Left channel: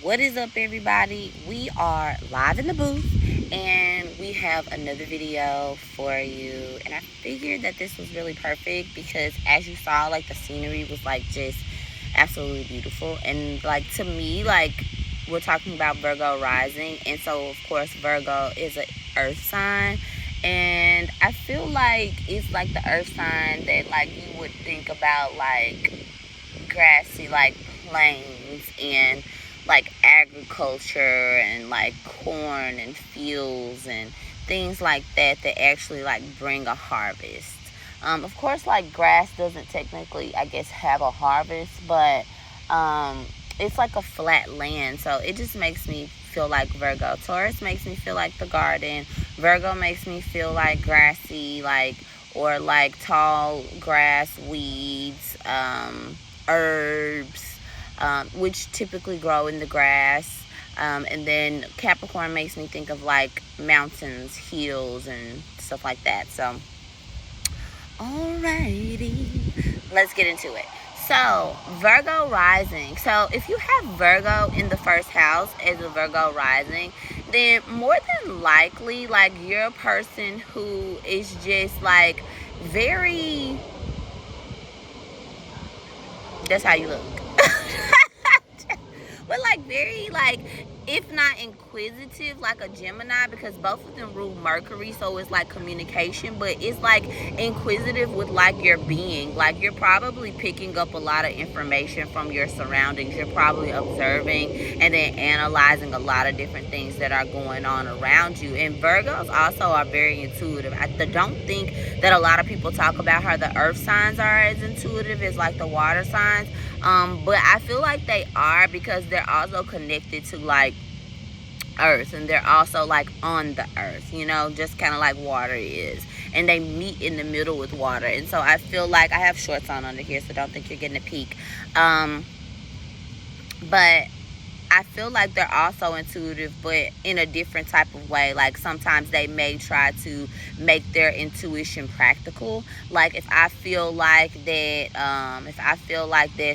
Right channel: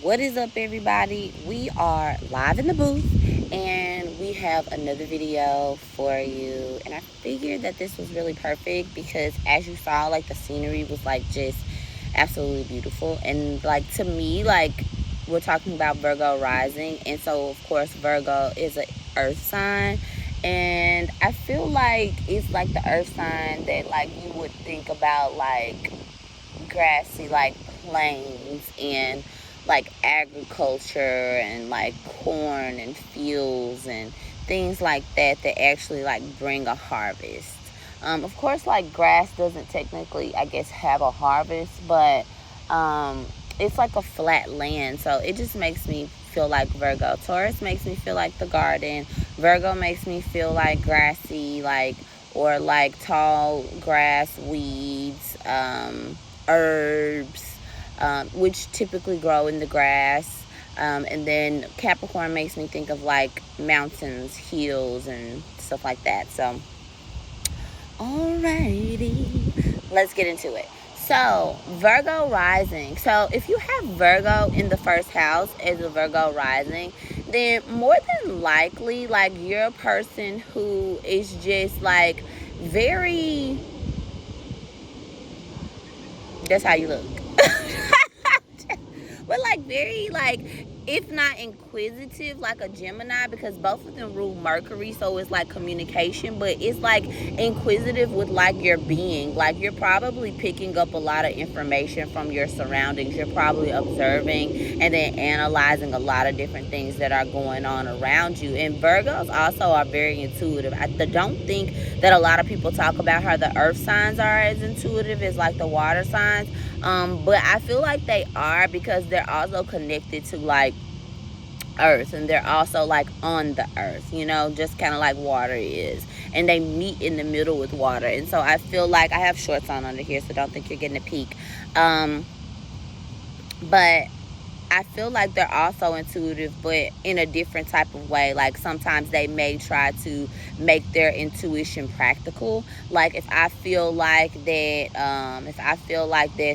What is up, everybody? We are live in the booth, and we have another video for you. And I figured that this was really perfect because, as you saw, like, the scenery was like just absolutely beautiful. And like, to me, like, we're talking about Virgo rising, and so of course Virgo is an earth sign, and I feel like it's like the earth sign that, like, you would think about, like, grassy, like, plains and like agriculture and like corn and fields and things like that actually like bring a harvest. Of course, like, grass doesn't technically, I guess, have a harvest, but it's like a flat land, so it just makes me feel like Virgo. Taurus makes me feel like the garden. Virgo makes me feel like grassy, like, or like tall grass, weeds, herbs, which typically grow in the grass. And then Capricorn makes me think of like mountains, hills, and stuff like that. So, alrighty, let's get into it. So, Virgo rising. So, if you have Virgo in the first house as a Virgo rising, then more than likely, like, you're a person who is just like very, that's how you look. But like very, like, if not inquisitive, like a Gemini, because both of them rule Mercury, so it's like communication, but it's like inquisitive with like your being. Like, you're probably picking up a lot of information from your surroundings. You're probably observing and then analyzing a lot of different things that are going on around you. And Virgos also are very intuitive. I don't think that a lot of people talk about how the earth signs are as intuitive as like the water signs. But I feel like they are, because they're also connected to like earth, and they're also like on the earth, you know, just kind of like water is, and they meet in the middle with water. And so I feel like, I have shorts on under here, so don't think you're getting a peek. But I feel like they're also intuitive, but in a different type of way. Like, sometimes they may try to make their intuition practical. Like, if I feel like that,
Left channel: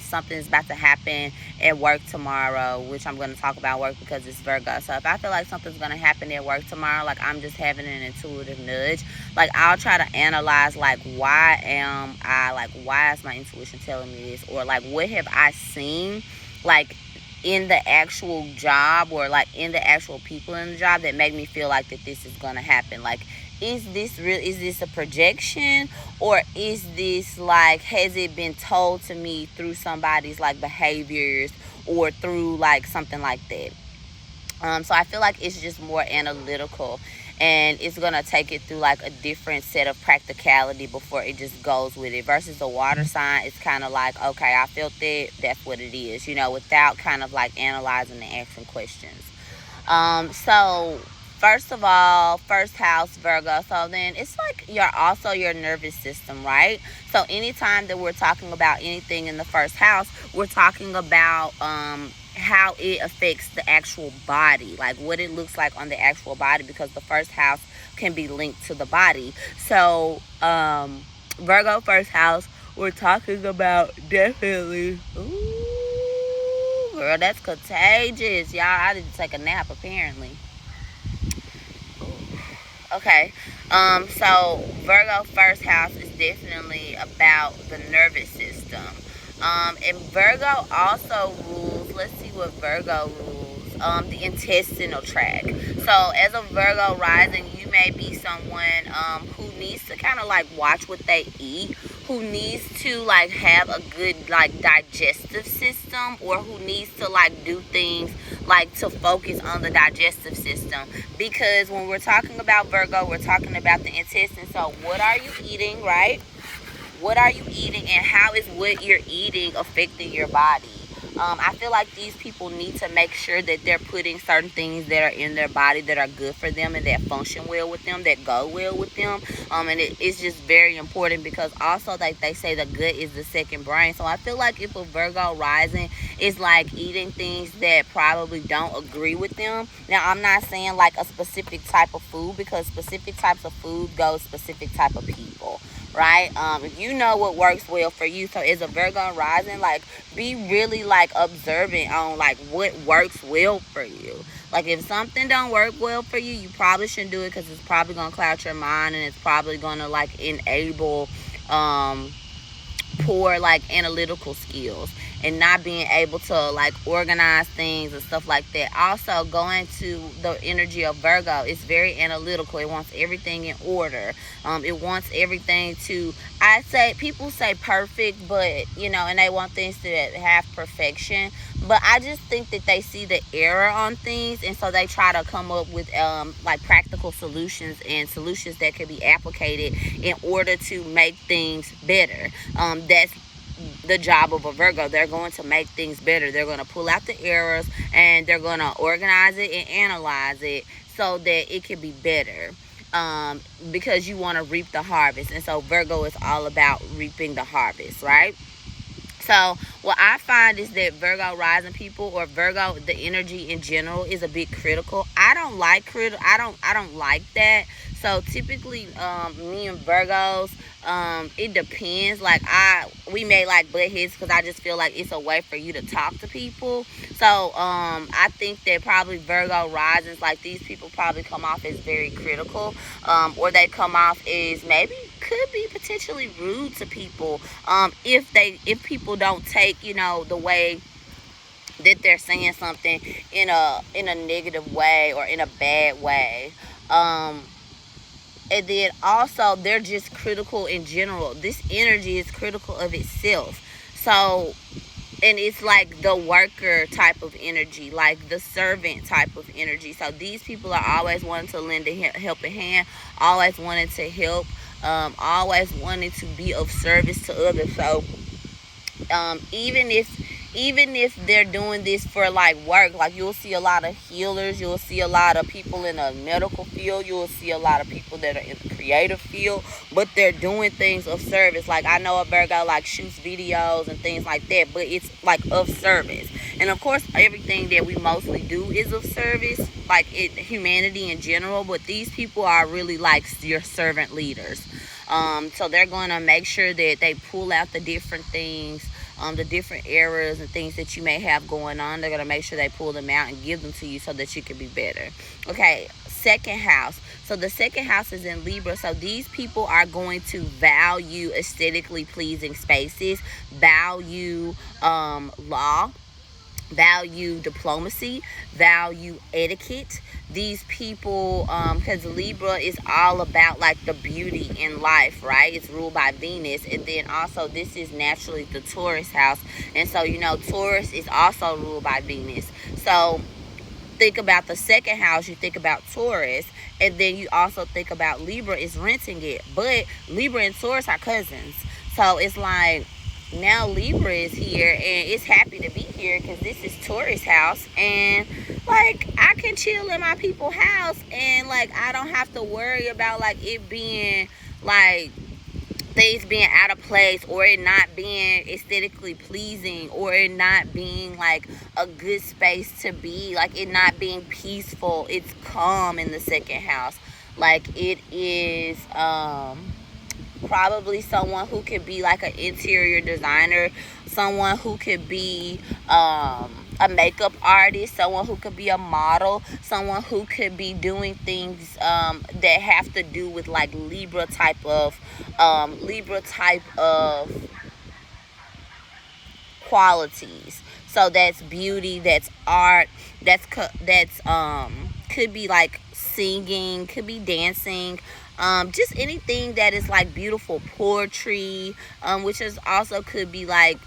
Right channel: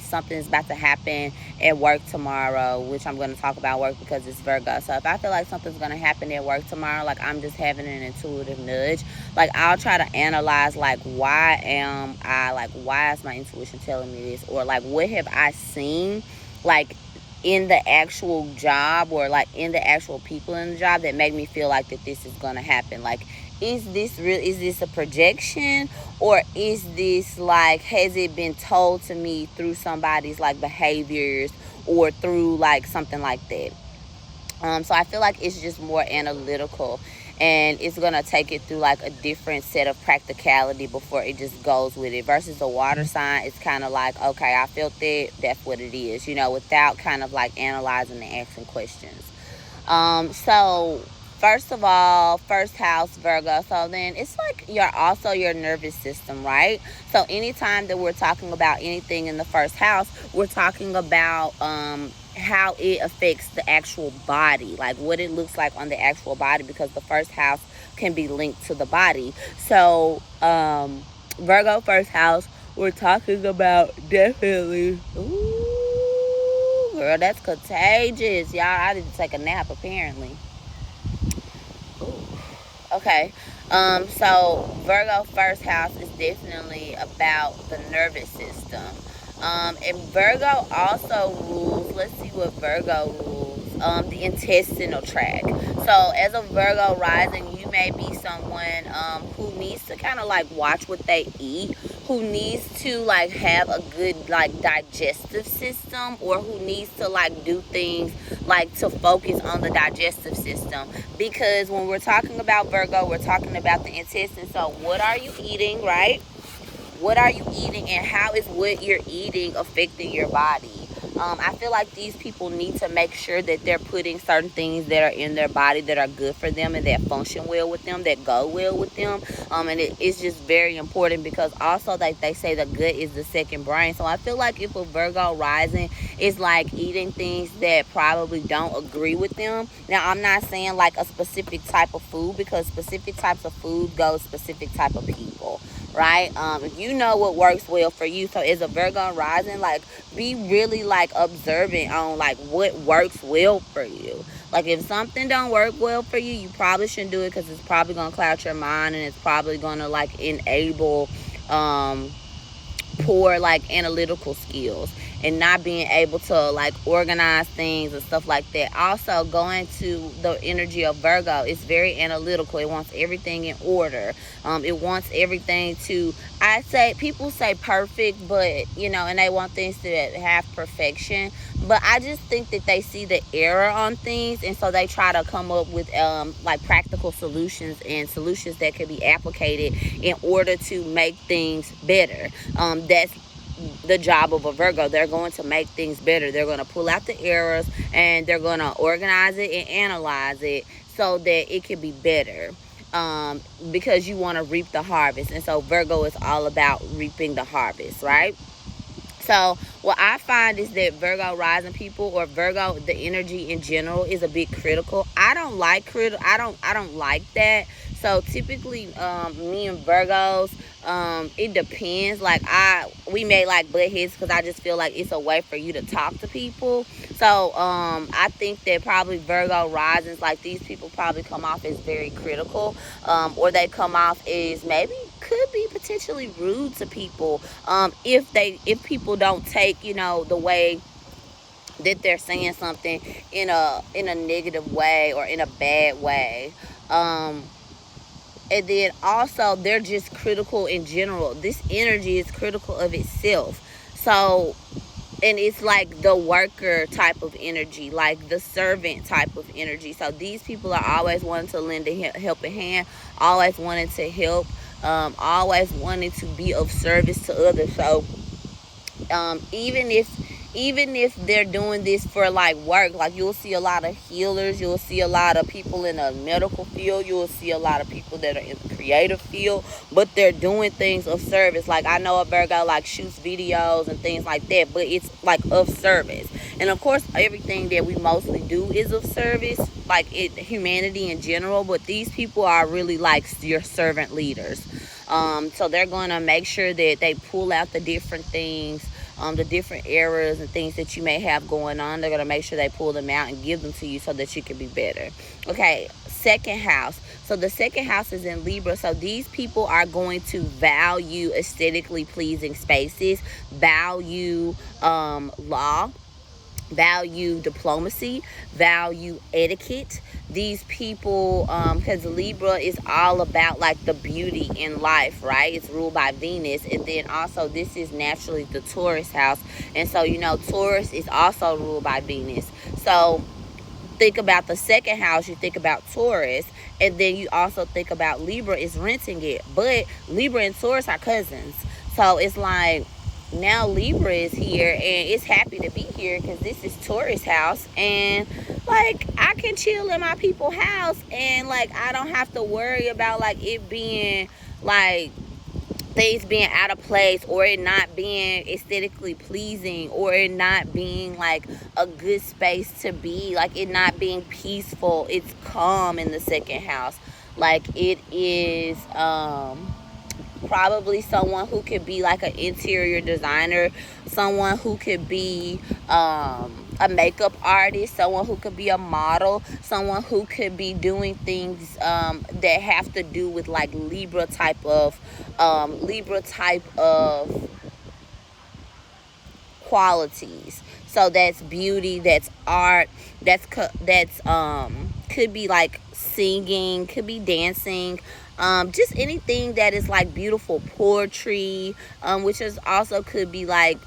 something's about to happen at work tomorrow, which I'm going to talk about work because it's Virgo. So if I feel like something's going to happen at work tomorrow, like, I'm just having an intuitive nudge. Like, I'll try to analyze, like, why is my intuition telling me this? Or like, what have I seen, like, in the actual job, or like in the actual people in the job, that make me feel like that this is going to happen? Like, is this real? Is this a projection? Or is this like, has it been told to me through somebody's like behaviors, or through like something like that? So I feel like it's just more analytical, and it's going to take it through like a different set of practicality before it just goes with it. Versus a water sign, it's kind of like, okay, I felt it, that's what it is, you know, without kind of like analyzing and asking questions. So first of all, first house, Virgo. So then it's like your nervous system, right? So anytime that we're talking about anything in the first house, we're talking about how it affects the actual body, like what it looks like on the actual body, because the first house can be linked to the body. So Virgo first house, we're talking about definitely, ooh, girl, that's contagious, y'all. I didn't take a nap apparently. Okay, so Virgo first house is definitely about the nervous system. And Virgo also rules, let's see what Virgo rules, the intestinal tract. So as a Virgo rising, you may be someone who needs to kind of like watch what they eat, who needs to like have a good like digestive system, or who needs to like do things like to focus on the digestive system. Because when we're talking about Virgo, we're talking about the intestine. So what are you eating, right? What are you eating, and how is what you're eating affecting your body? I feel like these people need to make sure that they're putting certain things that are in their body that are good for them and that function well with them, that go well with them. And it's just very important, because also, like they say, the gut is the second brain. So I feel like if a Virgo rising is like eating things that probably don't agree with them. Now, I'm not saying like a specific type of food, because specific types of food go specific type of people, right? If you know what works well for you, so as a Virgo rising, like, be really like observant on like what works well for you. Like, if something don't work well for you, you probably shouldn't do it, because it's probably gonna cloud your mind, and it's probably gonna like enable poor like analytical skills, and not being able to like organize things and stuff like that. Also, going to the energy of Virgo, it's very analytical. It wants everything in order. It wants everything to, I say, people say perfect, but you know, and they want things to have perfection, but I just think that they see the error on things, and so they try to come up with like practical solutions, and solutions that could be applicated in order to make things better. That's the job of a Virgo. They're going to make things better. They're going to pull out the errors, and they're going to organize it and analyze it so that it can be better, because you want to reap the harvest. And so Virgo is all about reaping the harvest, right? So what I find is that Virgo rising people, or Virgo, the energy in general, is a bit critical. I don't like I don't like that. So typically, me and Virgos, it depends. Like, we may like butt heads, because I just feel like it's a way for you to talk to people. So I think that probably Virgo risings, like, these people probably come off as very critical, or they come off as maybe could be potentially rude to people, if people don't take, you know, the way that they're saying something in a negative way or in a bad way. And then also, they're just critical in general. This energy is critical of itself. So, and it's like the worker type of energy, like the servant type of energy. So these people are always wanting to lend a helping hand, always wanting to help, always wanting to be of service to others. So even if they're doing this for like work, like, you'll see a lot of healers, you'll see a lot of people in the medical field, you'll see a lot of people that are in the creative field, but they're doing things of service. Like, I know a Virgo like shoots videos and things like that, but it's like of service. And of course, everything that we mostly do is of service, like humanity in general, but these people are really like your servant leaders. So they're going to make sure that they pull out the different things, the different errors and things that you may have going on. They're going to make sure they pull them out and give them to you so that you can be better. Okay, second house. So the second house is in Libra. So these people are going to value aesthetically pleasing spaces, value law, value diplomacy, value etiquette. These people, because Libra is all about like the beauty in life, right? It's ruled by Venus, and then also this is naturally the Taurus house, and so, you know, Taurus is also ruled by Venus. So think about the second house, you think about Taurus, and then you also think about Libra is renting it. But Libra and Taurus are cousins, so it's like, now Libra is here and it's happy to be here because this is Taurus house, and like, I can chill in my people's house, and like, I don't have to worry about like it being like things being out of place, or it not being aesthetically pleasing, or it not being like a good space to be, like it not being peaceful. It's calm in the second house. Like, it is probably someone who could be like an interior designer, someone who could be a makeup artist, someone who could be a model, someone who could be doing things that have to do with like Libra type of qualities. So that's beauty, that's art, that's could be like singing, could be dancing, just anything that is like beautiful poetry, which is also could be like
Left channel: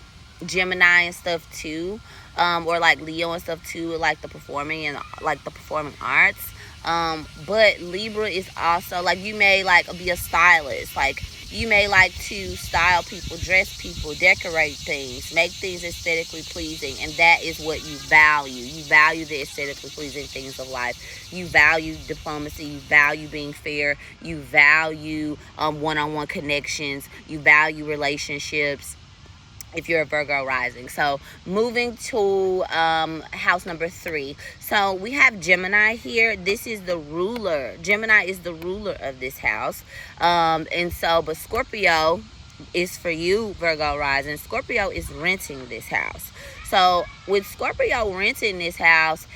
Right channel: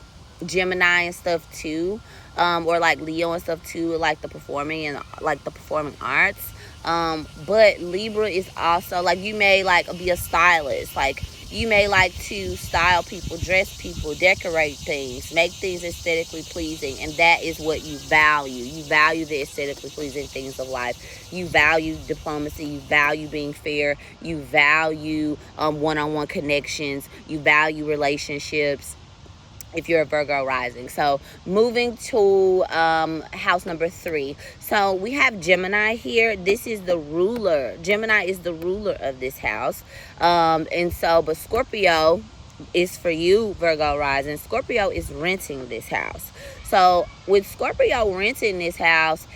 Gemini and stuff too, or like Leo and stuff too, like the performing and like the performing arts. But Libra is also like, you may like be a stylist, like you may like to style people, dress people, decorate things, make things aesthetically pleasing, and that is what you value. You value the aesthetically pleasing things of life. You value diplomacy. You value being fair. You value one-on-one connections. You value relationships. if you're a Virgo rising. So moving to house number 3. So we have Gemini here. This is the ruler. Gemini is the ruler of this house. And so, but Scorpio is for you, Virgo rising. Scorpio is renting this house. So with Scorpio renting this house,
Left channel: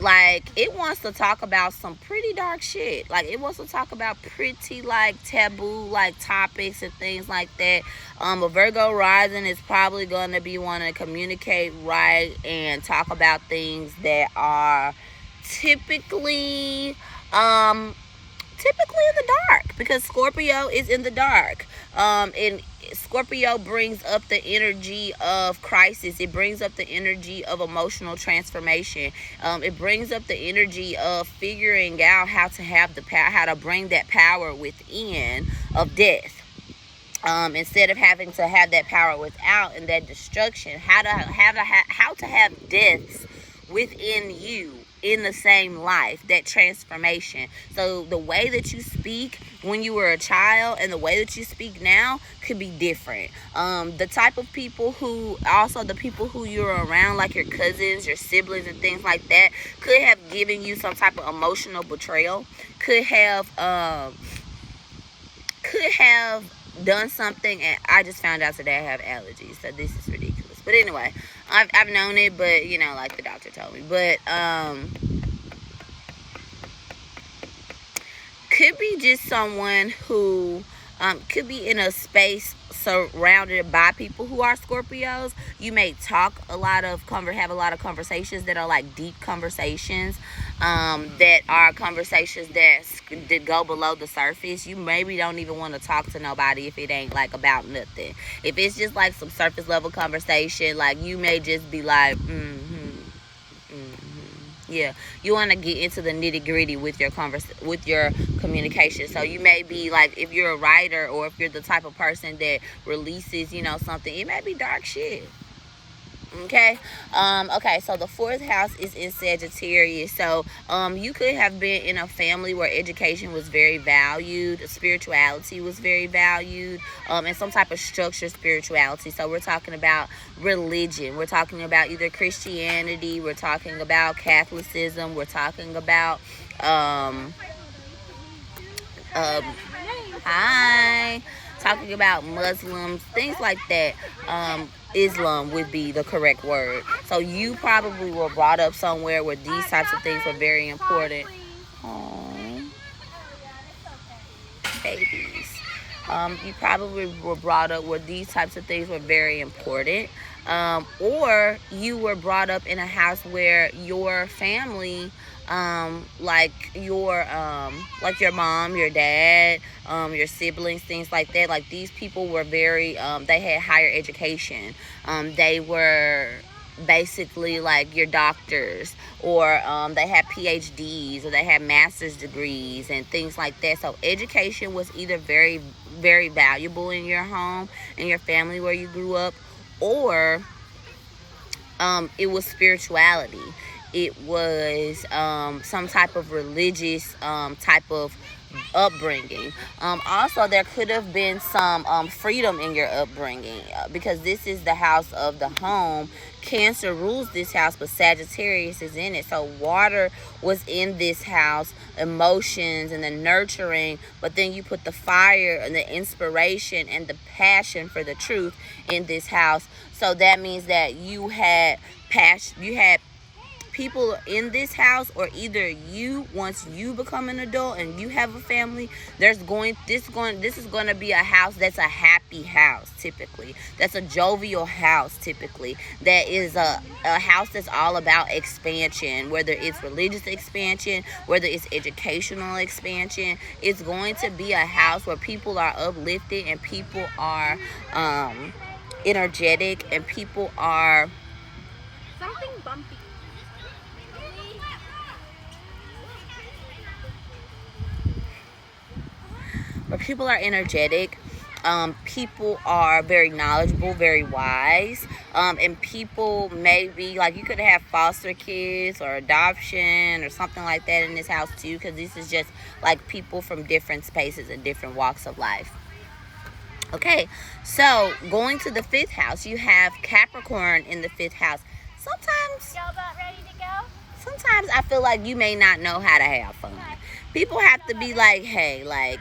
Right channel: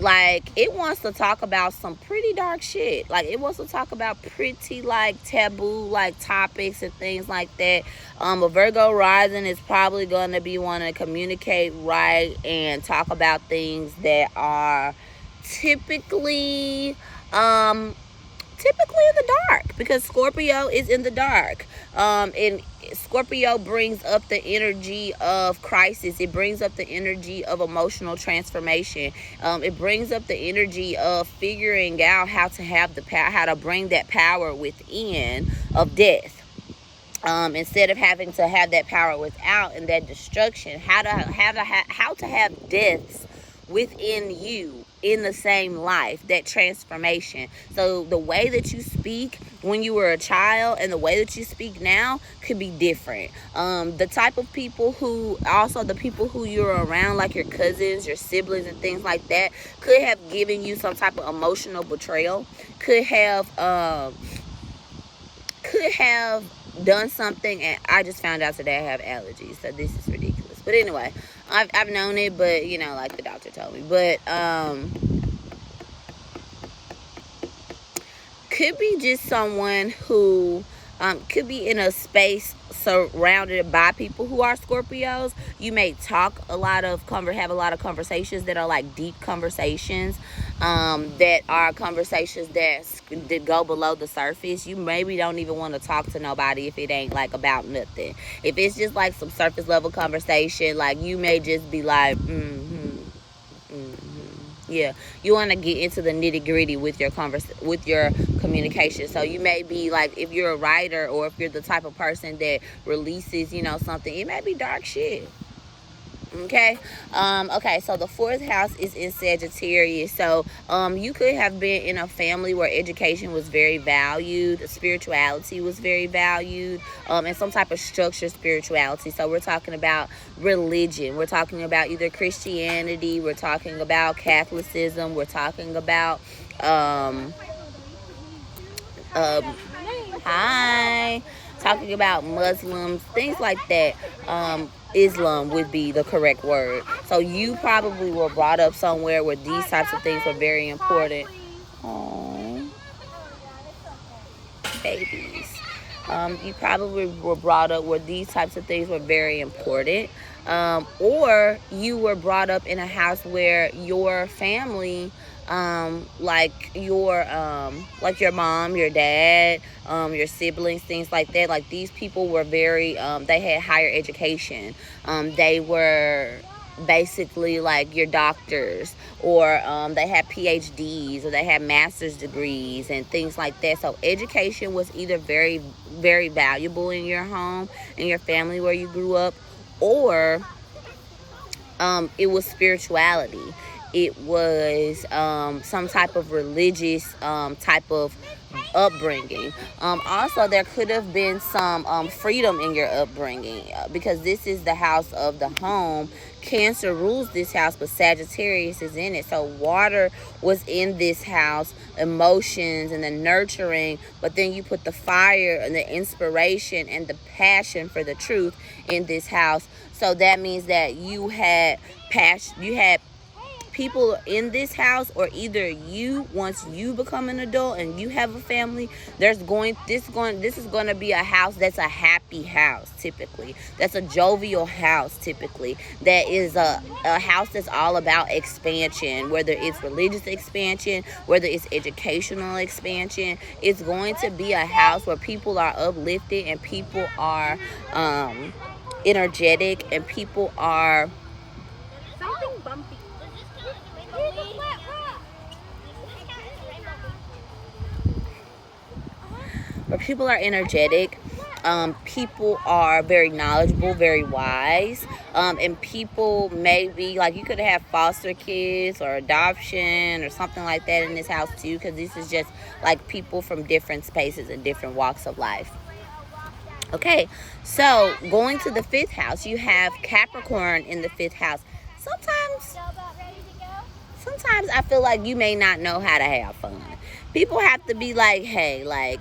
like, it wants to talk about some pretty dark shit. Like, it wants to talk about pretty, like, taboo, like, topics and things like that. A Virgo rising is probably going to be wanting to communicate right and talk about things that are typically in the dark, because Scorpio is in the dark. And Scorpio brings up the energy of crisis. It brings up the energy of emotional transformation. It brings up the energy of figuring out how to have the power, how to bring that power within of death. Instead of having to have that power without and that destruction, how to have deaths within you in the same life, that transformation. So the way that you speak when you were a child and the way that you speak now could be different. The type of people who, also the people who you're around, like your cousins, your siblings and things like that, could have given you some type of emotional betrayal, could have done something. And I just found out today I have allergies, so this is ridiculous. But anyway, I've known it, but you know, like the doctor told me. But could be just someone who could be in a space surrounded by people who are Scorpios. You may talk have a lot of conversations that are like deep conversations, that are conversations that go below the surface. You maybe don't even want to talk to nobody if it ain't like about nothing. If it's just like some surface level conversation, like you may just be like, yeah, you want to get into the nitty gritty with your communication. So you may be like, if you're a writer or if you're the type of person that releases, you know, something, it may be dark shit. Okay. Okay, so the 4th house is in Sagittarius. So you could have been in a family where education was very valued, spirituality was very valued, and some type of structured spirituality. So we're talking about religion, we're talking about either Christianity, we're talking about Catholicism, we're talking about talking about Muslims, things like that. Islam would be the correct word. So you probably were brought up somewhere where these types of things were very important. Oh, babies. You probably were brought up where these types of things were very important. Or you were brought up in a house where your family, like your mom, your dad, your siblings, things like that, like these people were very, they had higher education. They were basically like your doctors, or they had PhDs, or they had master's degrees and things like that. So education was either very, very valuable in your home, in your family where you grew up, or it was spirituality. It was some type of religious type of upbringing. Also, there could have been some freedom in your upbringing, because this is the house of the home. Cancer rules this house, but Sagittarius is in it. So water was in this house, emotions and the nurturing, but then you put the fire and the inspiration and the passion for the truth in this house. So that means that you had passion, you had people in this house, or either you, once you become an adult and you have a family, this is going to be a house that's a happy house, typically. That's a jovial house, typically. That is a house that's all about expansion, whether it's religious expansion, whether it's educational expansion. It's going to be a house where people are uplifted and people are energetic and people are people are energetic. People are very knowledgeable, very wise, and people may be like, you could have foster kids or adoption or something like that in this house too, because this is just like people from different spaces and different walks of life. Okay, so going to the 5th house, you have Capricorn in the 5th house. Sometimes I feel like you may not know how to have fun. People have to be like, hey, like,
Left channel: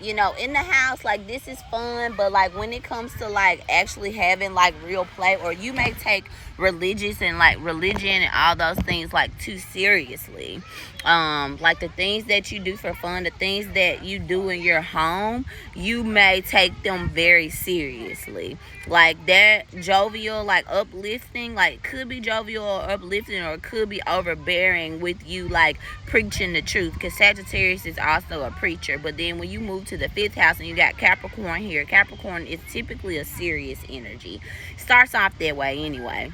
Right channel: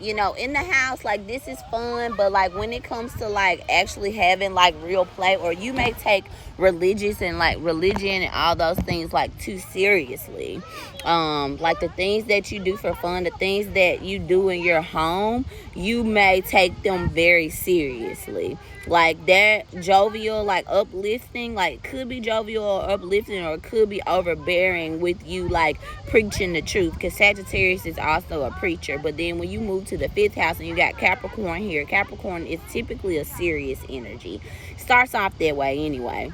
you know, in the house, like, this is fun, but like when it comes to like actually having like real play, or you may take religious and like religion and all those things like too seriously. Like the things that you do for fun, the things that you do in your home, you may take them very seriously. Like that jovial, like uplifting, like could be jovial or uplifting, or could be overbearing with you, like preaching the truth, because Sagittarius is also a preacher. But then when you move to the 5th house and you got Capricorn here, Capricorn is typically a serious energy. Starts off that way anyway.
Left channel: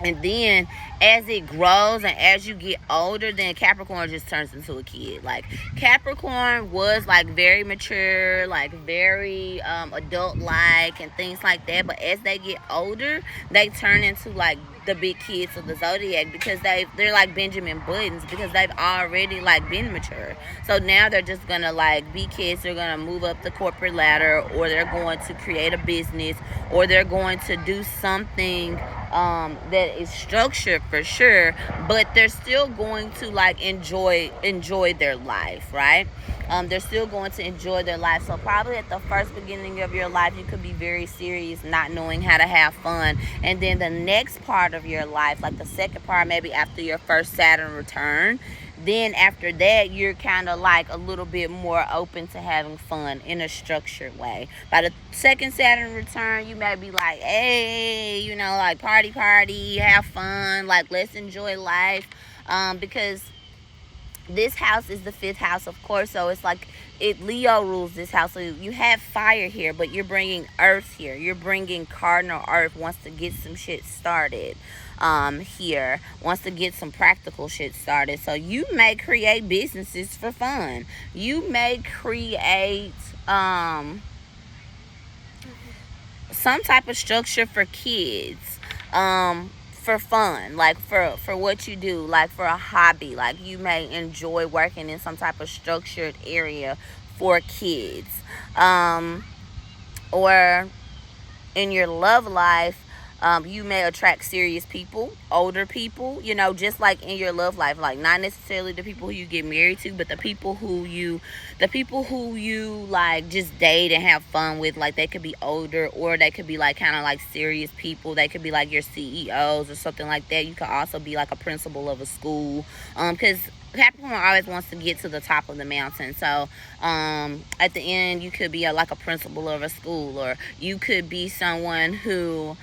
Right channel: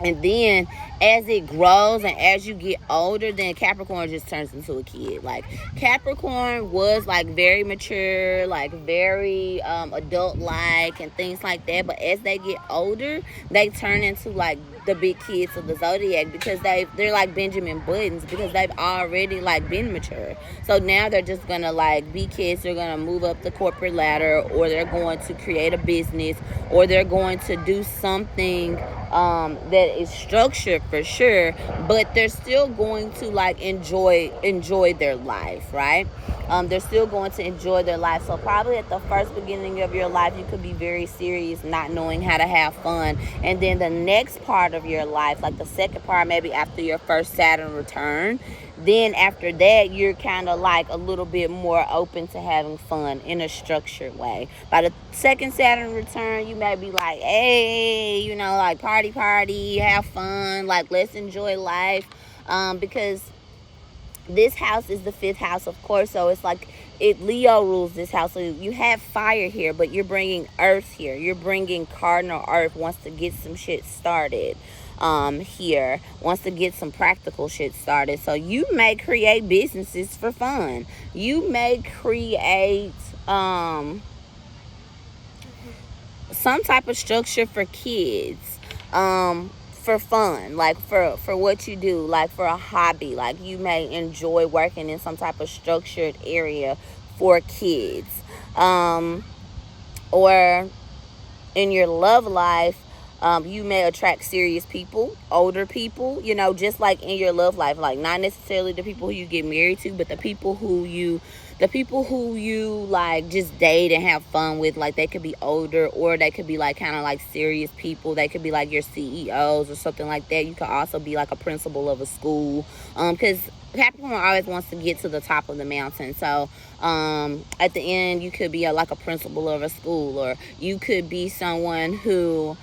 And then as it grows and as you get older, then Capricorn just turns into a kid. Like Capricorn was like very mature, like very adult-like and things like that. But as they get older, they turn into like the big kids of the zodiac, because they're like Benjamin Buttons, because they've already like been mature. So now they're just gonna like be kids. They're gonna move up the corporate ladder, or they're going to create a business, or they're going to do something that is structured for sure, but they're still going to like enjoy their life, right? They're still going to enjoy their life. So probably at the first beginning of your life, you could be very serious, not knowing how to have fun. And then the next part of your life, like the second part, maybe after your first Saturn return, then after that, you're kind of like a little bit more open to having fun in a structured way. By the second Saturn return, you may be like, hey, you know, like party, have fun, like let's enjoy life, because this house is the 5th house, of course, so it's like Leo rules this house. So you have fire here, but you're bringing earth here. You're bringing cardinal earth, wants to get some shit started here, wants to get some practical shit started. So you may create businesses for fun. You may create some type of structure for kids, for fun, like for what you do, like for a hobby. Like you may enjoy working in some type of structured area for kids, or in your love life, you may attract serious people, older people, you know, just like in your love life, like not necessarily the people who you get married to, but the people who you like just date and have fun with. Like they could be older, or they could be like kind of like serious people. They could be like your CEOs or something like that. You could also be like a principal of a school, because Capricorn always wants to get to the top of the mountain. So at the end, you could be like a principal of a school, or you could be someone who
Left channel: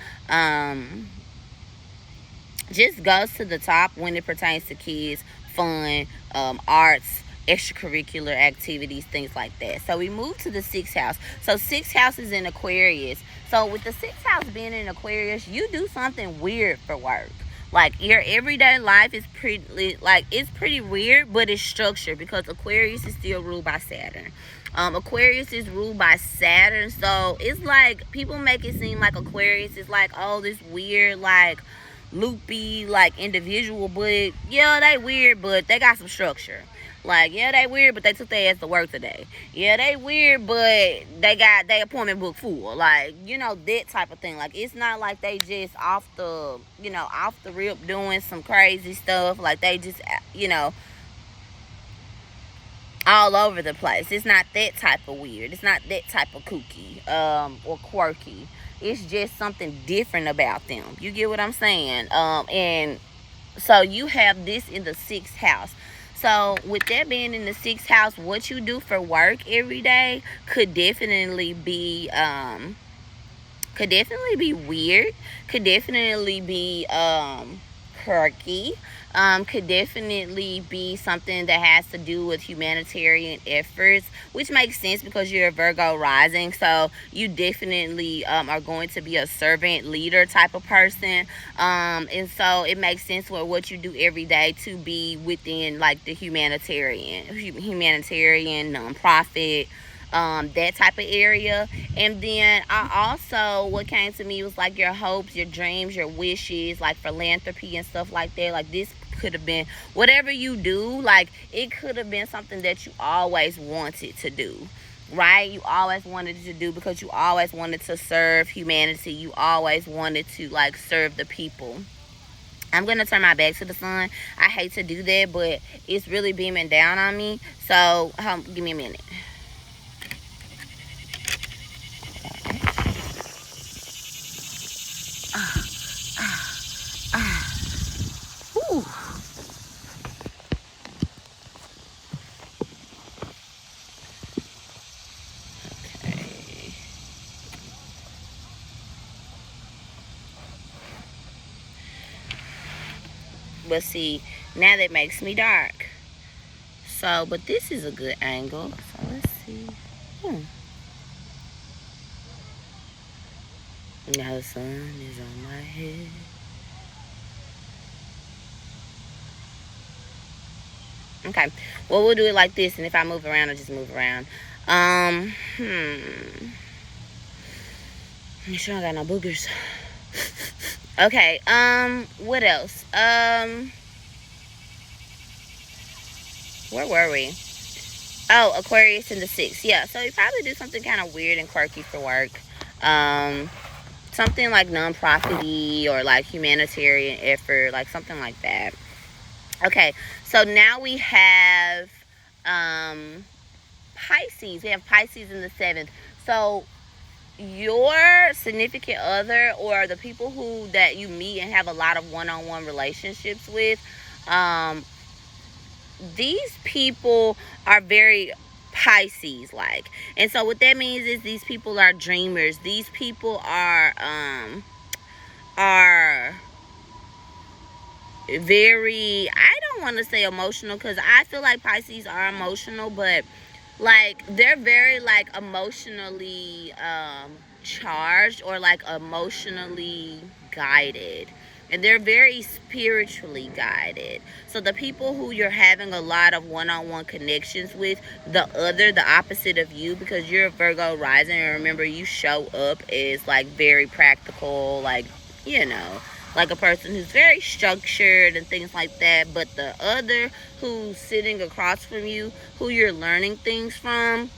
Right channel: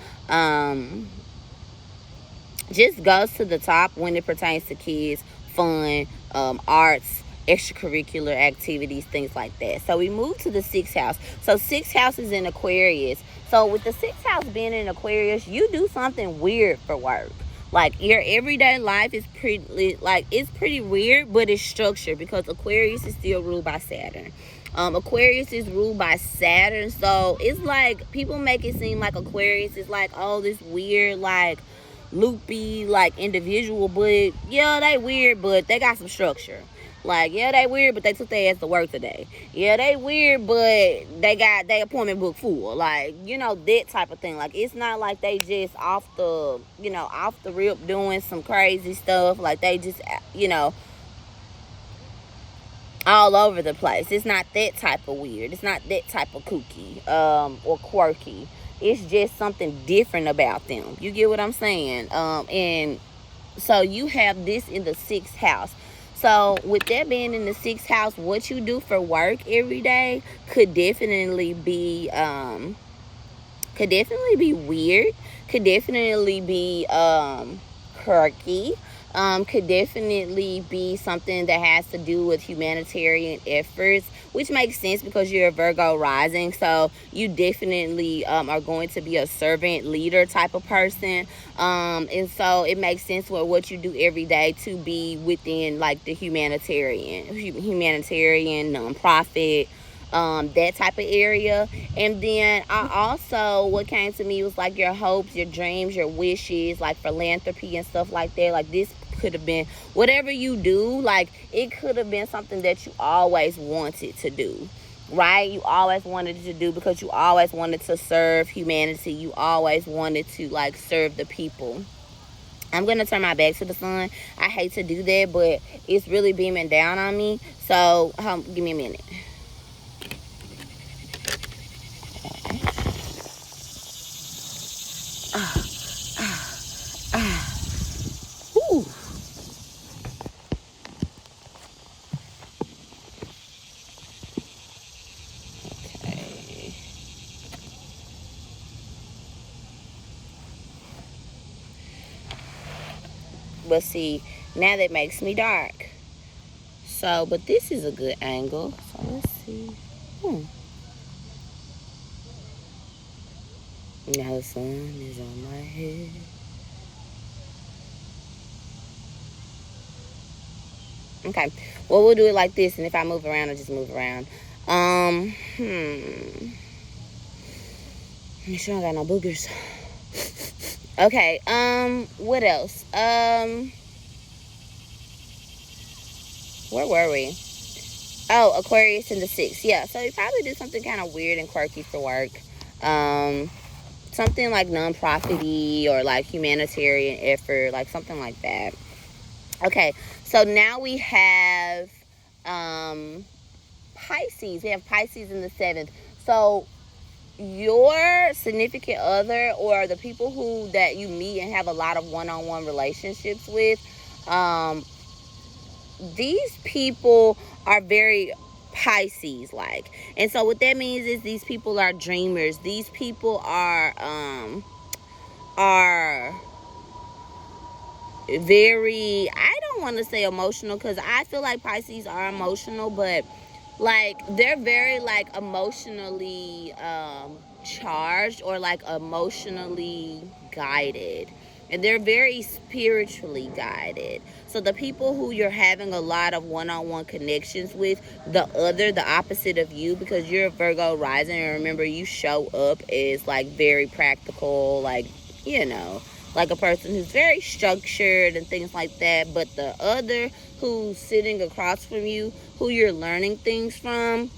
just goes to the top when it pertains to kids, fun, arts, extracurricular activities, things like that. So we move to the 6th house. So 6th house is in Aquarius. So with the 6th house being in Aquarius, you do something weird for work. Like your everyday life is pretty weird, but it's structured, because Aquarius is still ruled by Saturn. Aquarius is ruled by Saturn, so it's like people make it seem like Aquarius is like all this weird, like loopy, like individual, but yeah, they weird, but they got some structure. Like, yeah, they weird, but they took their ass to work today. Yeah, they weird, but they got their appointment book full. Like, you know, that type of thing. Like, it's not like they just off the rip doing some crazy stuff. Like, they just, you know, all over the place. It's not that type of weird. It's not that type of kooky or quirky. It's just something different about them. You get what I'm saying? And so you have this in the 6th house. So with that being in the 6th house, what you do for work every day could definitely be weird, could definitely be quirky, could definitely be something that has to do with humanitarian efforts, which makes sense because you're a Virgo rising, so you definitely are going to be a servant leader type of person, and so it makes sense for what you do every day to be within like the humanitarian nonprofit, that type of area. And then what came to me was like your hopes, your dreams, your wishes, like philanthropy and stuff like that. Like this could have been whatever you do, like it could have been something that you always wanted to do. right? You always wanted to do, because you always wanted to serve humanity. You always wanted to, like, serve the people. I'm going to turn my back to the sun. I hate to do that, but it's really beaming down on me. So, give me a minute. Whew. Okay. But see, now that makes me dark. So, but this is a good angle. So let's see. Now the sun is on my head. Okay. Well, we'll do it like this, and if I move around, I'll just move around. Make sure I got no boogers. Okay. What else? Where were we? Oh, Aquarius in the 6th. Yeah, so you probably do something kind of weird and quirky for work. Something like non-profit-y or like humanitarian effort, like something like that. Okay, so now we have Pisces. We have Pisces in the 7th. So your significant other, or the people that you meet and have a lot of one-on-one relationships with, these people are very Pisces-like. And so what that means is these people are dreamers. These people are very, I don't want to say emotional, because I feel like Pisces are emotional, but like they're very like emotionally charged, or like emotionally guided. And they're very spiritually guided. So the people who you're having a lot of one-on-one connections with, the opposite of you, because you're a Virgo rising, and remember, you show up as like very practical, like, you know, like a person who's very structured and things like that. But the other who's sitting across from you, who you're learning things from,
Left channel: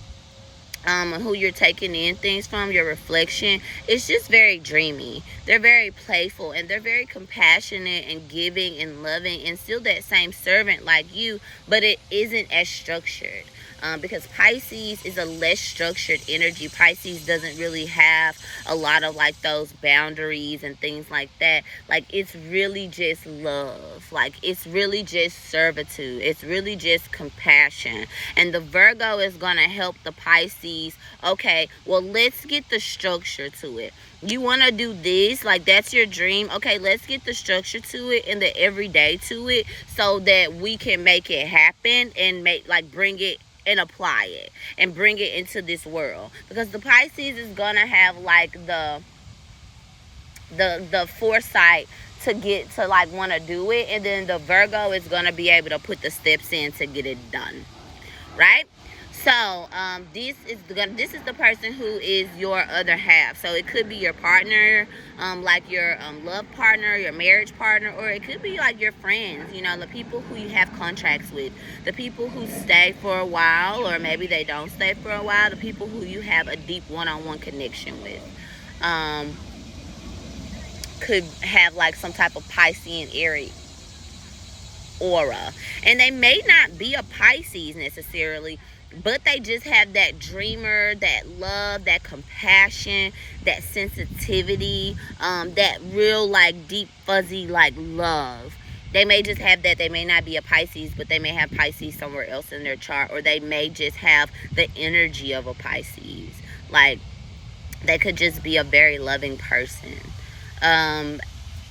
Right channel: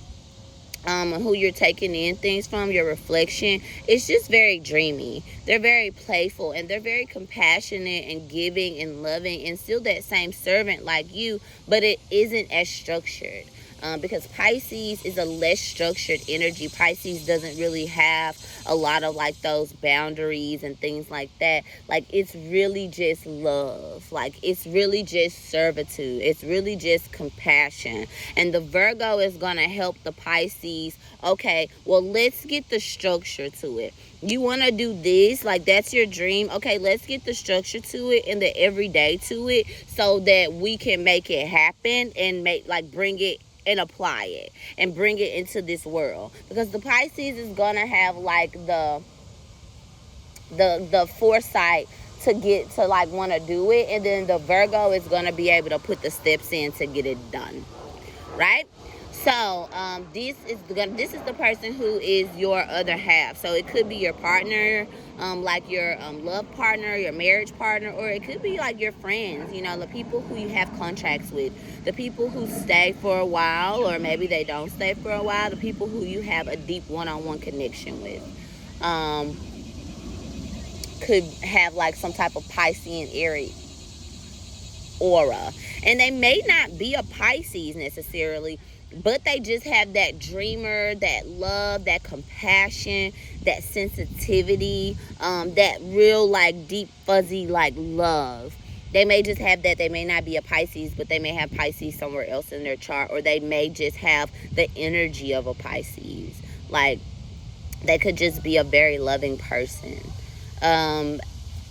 who you're taking in things from, your reflection, it's just very dreamy. They're very playful, and they're very compassionate and giving and loving, and still that same servant like you, but it isn't as structured. Because Pisces is a less structured energy. Pisces doesn't really have a lot of like those boundaries and things like that. Like, it's really just love. Like, it's really just servitude. It's really just compassion. And the Virgo is going to help the Pisces. Okay, well, let's get the structure to it. You want to do this, like that's your dream. Okay, let's get the structure to it and the everyday to it, so that we can make it happen and bring it and apply it and bring it into this world. Because the Pisces is gonna have like the foresight to get to like want to do it, and then the Virgo is gonna be able to put the steps in to get it done, right? So this is the person who is your other half. So it could be your partner, like your love partner, your marriage partner, or it could be like your friends, you know, the people who you have contracts with, the people who stay for a while, or maybe they don't stay for a while, the people who you have a deep one-on-one connection with. Could have like some type of Piscean Aries aura, and they may not be a Pisces necessarily, but they just have that dreamer, that love, that compassion, that sensitivity, that real like deep fuzzy like love. They may just have that. They may not be a Pisces, but they may have Pisces somewhere else in their chart, or they may just have the energy of a Pisces. Like, they could just be a very loving person.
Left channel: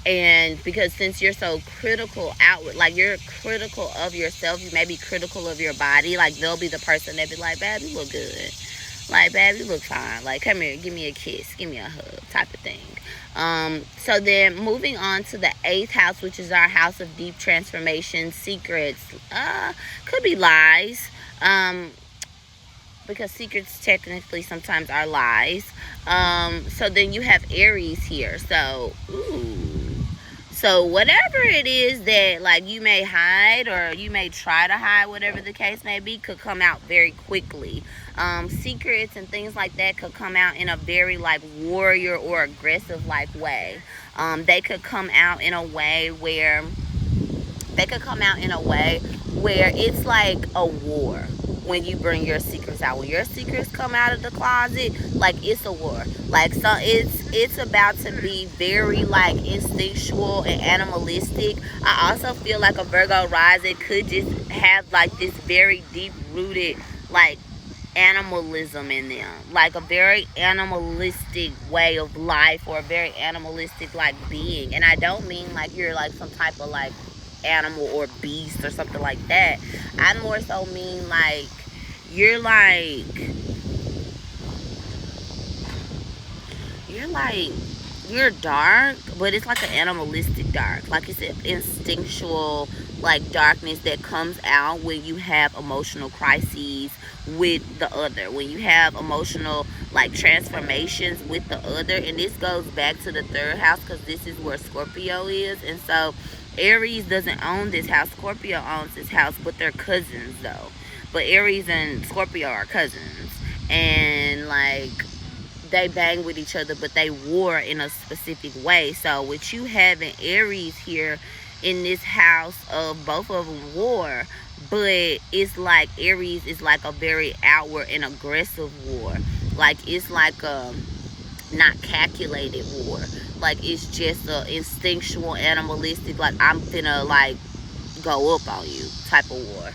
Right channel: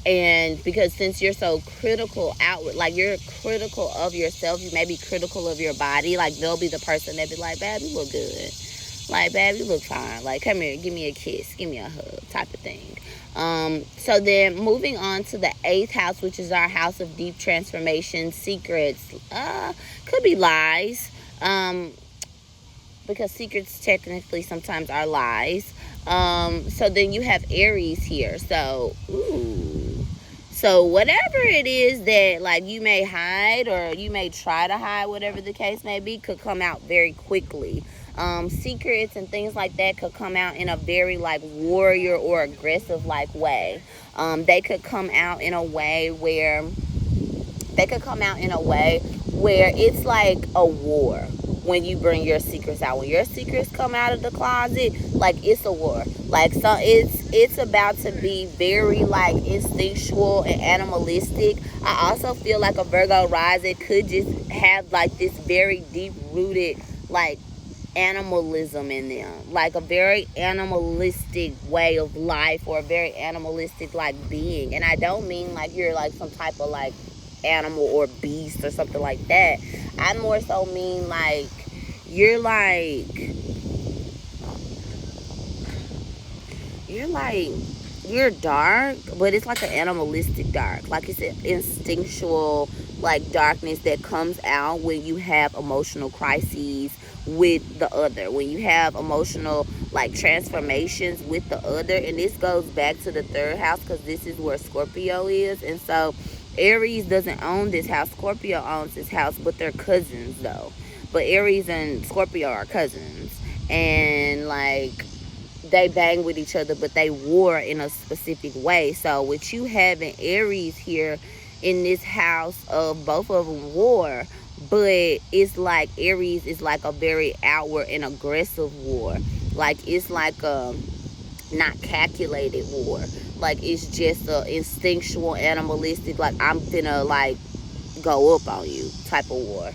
And because since you're so critical outward, like you're critical of yourself, you may be critical of your body. Like, they'll be the person that be like, babe, you look good. Like, babe, you look fine. Like, come here, give me a kiss, give me a hug, type of thing. So then moving on to the 8th house, which is our house of deep transformation, secrets, could be lies. Because secrets technically sometimes are lies. So then you have Aries here. So, So whatever it is that like you may hide or you may try to hide, whatever the case may be, could come out very quickly. Secrets and things like that could come out in a very like warrior or aggressive like way. They could come out in a way where it's like a war. When you bring your secrets out, when your secrets come out of the closet, like it's a war. Like, so it's about to be very like instinctual and animalistic. I also feel like a Virgo rising could just have like this very deep rooted like animalism in them, like a very animalistic way of life, or a very animalistic like being. And I don't mean like you're like some type of like animal or beast or something like that. I more so mean like you're dark, but it's like an animalistic dark. Like it's an instinctual like darkness that comes out when you have emotional crises with the other, when you have emotional like transformations with the other. And this goes back to the 3rd house, because this is where Scorpio is. And so Aries doesn't own this house. Scorpio owns this house, but they're cousins though. But Aries and Scorpio are cousins, and like they bang with each other, but they war in a specific way. So with you having Aries here in this house of both of them war, but it's like Aries is like a very outward and aggressive war. Like it's like a not calculated war. Like it's just a instinctual, animalistic, like I'm finna like go up on you type of war.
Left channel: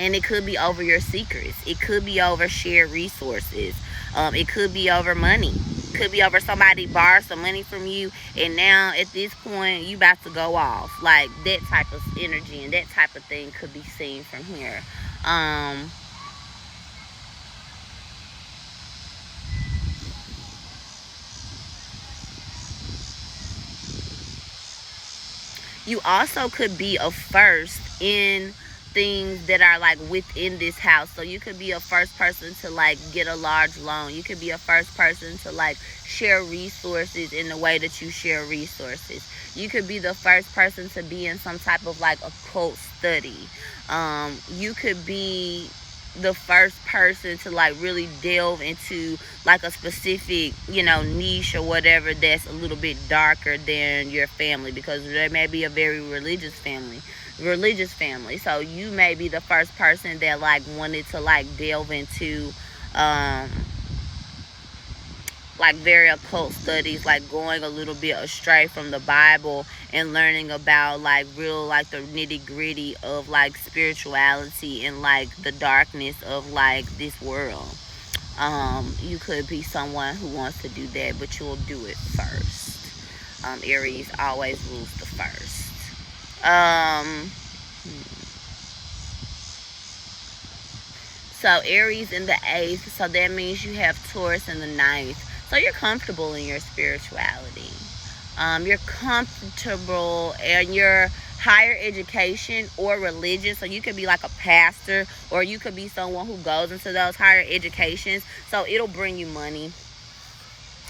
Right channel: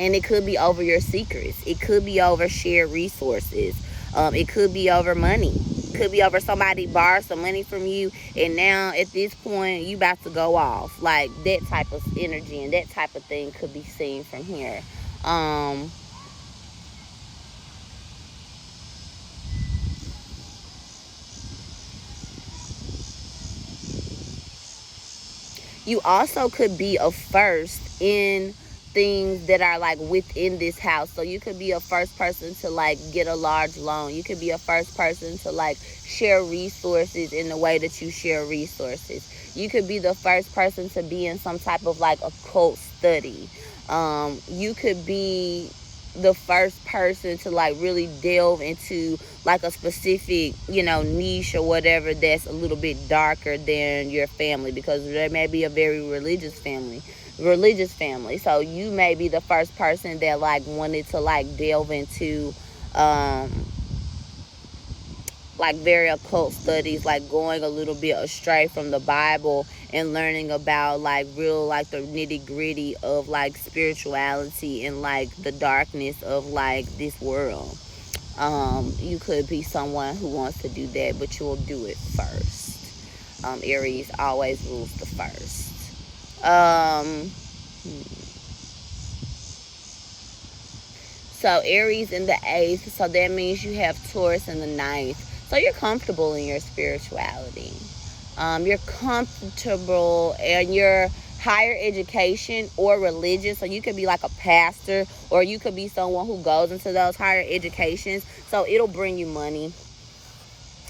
And it could be over your secrets. It could be over shared resources. It could be over money. It could be over somebody borrowed some money from you, and now at this point you about to go off. Like that type of energy and that type of thing could be seen from here. You also could be a first in things that are like within this house. So you could be a first person to like get a large loan. You could be a first person to like share resources in the way that you share resources. You could be the first person to be in some type of like occult study. You could be the first person to like really delve into like a specific, you know, niche or whatever that's a little bit darker than your family, because there may be a very religious family. So you may be the first person that like wanted to like delve into like very occult studies, like going a little bit astray from the Bible and learning about like real like the nitty gritty of like spirituality and like the darkness of like this world. You could be someone who wants to do that, but you'll do it first. Aries always rules the first. So Aries in the 8th, so that means you have Taurus in the 9th. So you're comfortable in your spirituality. You're comfortable in your higher education or religion. So you could be like a pastor, or you could be someone who goes into those higher educations. So it'll bring you money.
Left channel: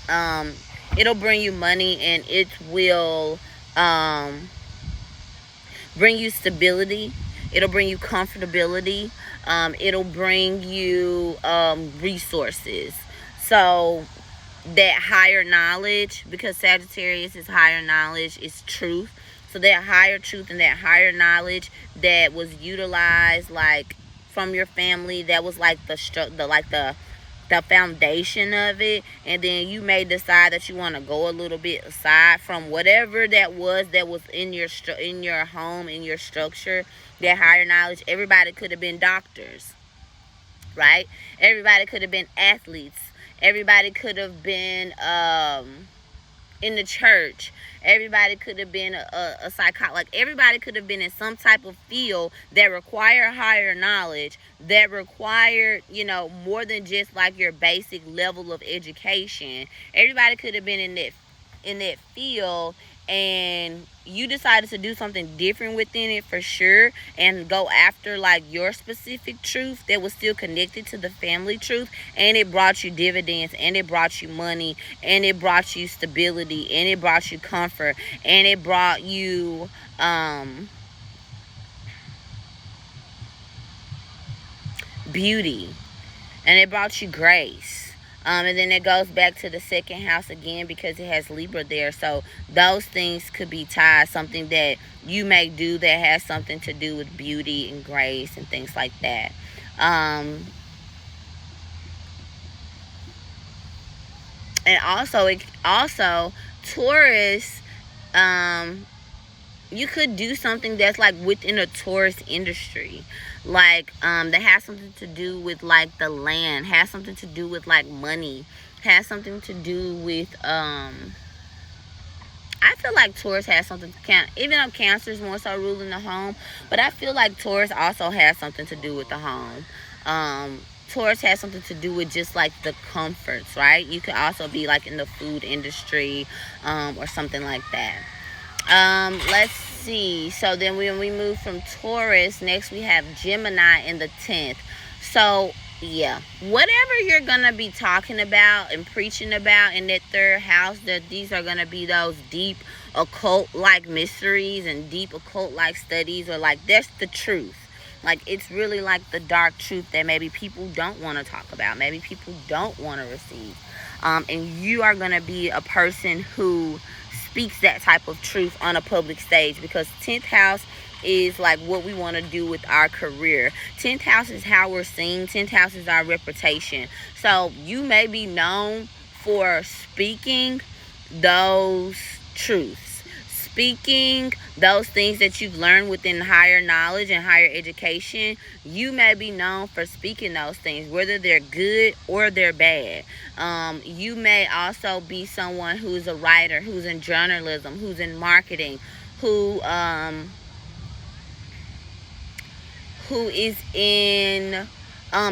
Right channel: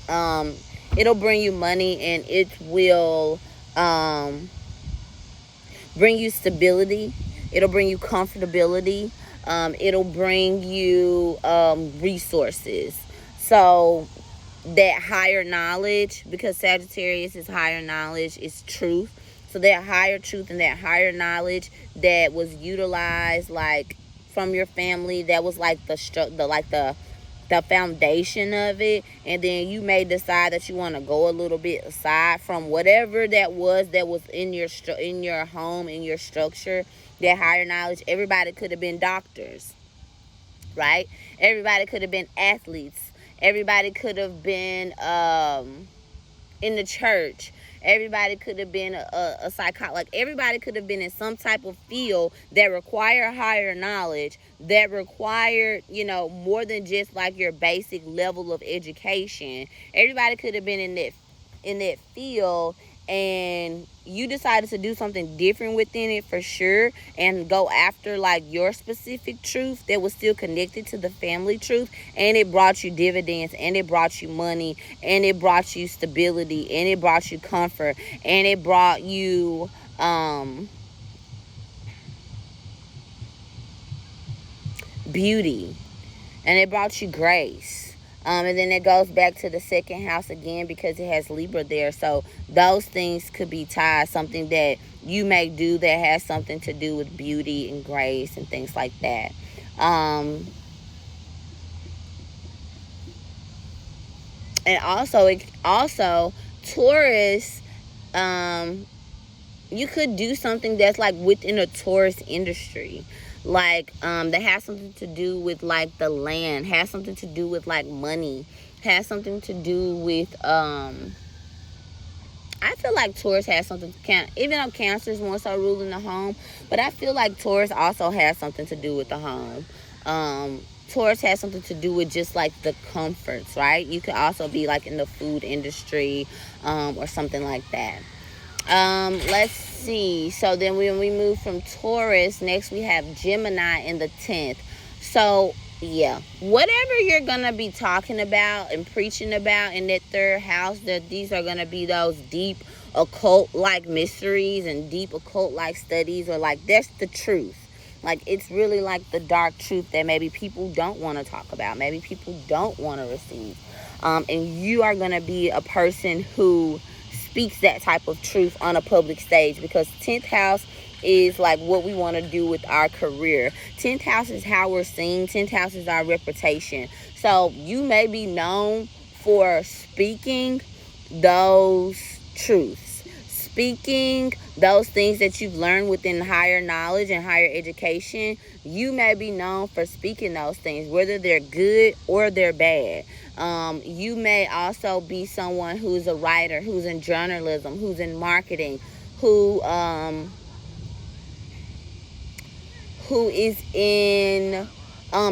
It'll bring you money, and it will bring you stability. It'll bring you comfortability. It'll bring you resources. So that higher knowledge, because Sagittarius is higher knowledge, is truth. So that higher truth and that higher knowledge that was utilized like from your family, that was like the foundation of it, and then you may decide that you want to go a little bit aside from whatever that was in your home, in your structure. That higher knowledge, everybody could have been doctors, right? Everybody could have been athletes. Everybody could have been in the church. Everybody could have been a psychologist. Like everybody could have been in some type of field that require higher knowledge, that required, you know, more than just like your basic level of education. Everybody could have been in that field, and you decided to do something different within it for sure, and go after like your specific truth that was still connected to the family truth, and it brought you dividends, and it brought you money, and it brought you stability, and it brought you comfort, and it brought you beauty, and it brought you grace. And then it goes back to the second house again because it has Libra there. So those things could be tied. Something that you may do that has something to do with beauty and grace and things like that. And also Taurus, you could do something that's like within a tourist industry, like that has something to do with like the land, has something to do with like money, has something to do with I feel like Taurus has something to even though Cancer is more so ruling the home, but I feel like Taurus also has something to do with the home. Taurus has something to do with just like the comforts, right? You could also be like in the food industry or something like that. Let's see. So then when we move from Taurus, next we have Gemini in the 10th. So yeah, whatever you're gonna be talking about and preaching about in that third house, that these are gonna be those deep occult like mysteries and deep occult like studies, or like that's the truth. Like it's really like the dark truth that maybe people don't want to talk about, maybe people don't want to receive. And you are gonna be a person who speaks that type of truth on a public stage, because 10th house is like what we want to do with our career. 10th house is how we're seen. 10th house is our reputation. So you may be known for speaking those truths, speaking those things that you've learned within higher knowledge and higher education. You may be known for speaking those things, whether they're good or they're bad. You may also be someone who's a writer, who's in journalism, who's in marketing, who is in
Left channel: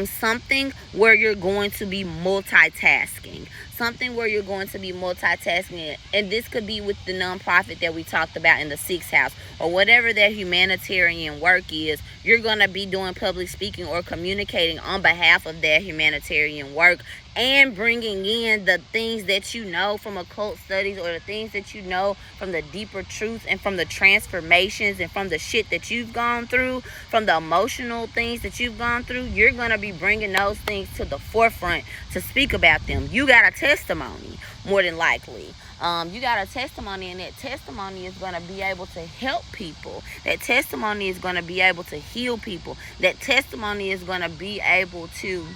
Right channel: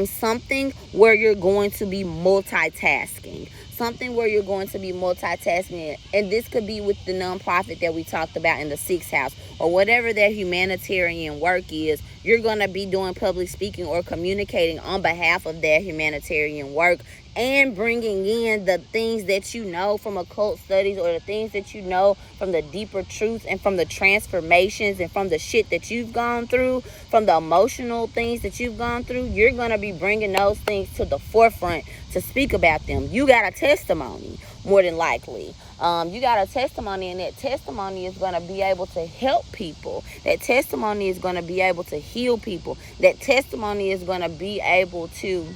something where you're going to be multitasking. Something where you're going to be multitasking. And this could be with the nonprofit that we talked about in the 6th house, or whatever their humanitarian work is. You're going to be doing public speaking or communicating on behalf of their humanitarian work, and bringing in the things that you know from occult studies, or the things that you know from the deeper truths and from the transformations and from the shit that you've gone through, from the emotional things that you've gone through. You're going to be bringing those things to the forefront to speak about them. You got a testimony, more than likely. You got a testimony, and that testimony is going to be able to help people. That testimony is going to be able to heal people. That testimony is going to be able to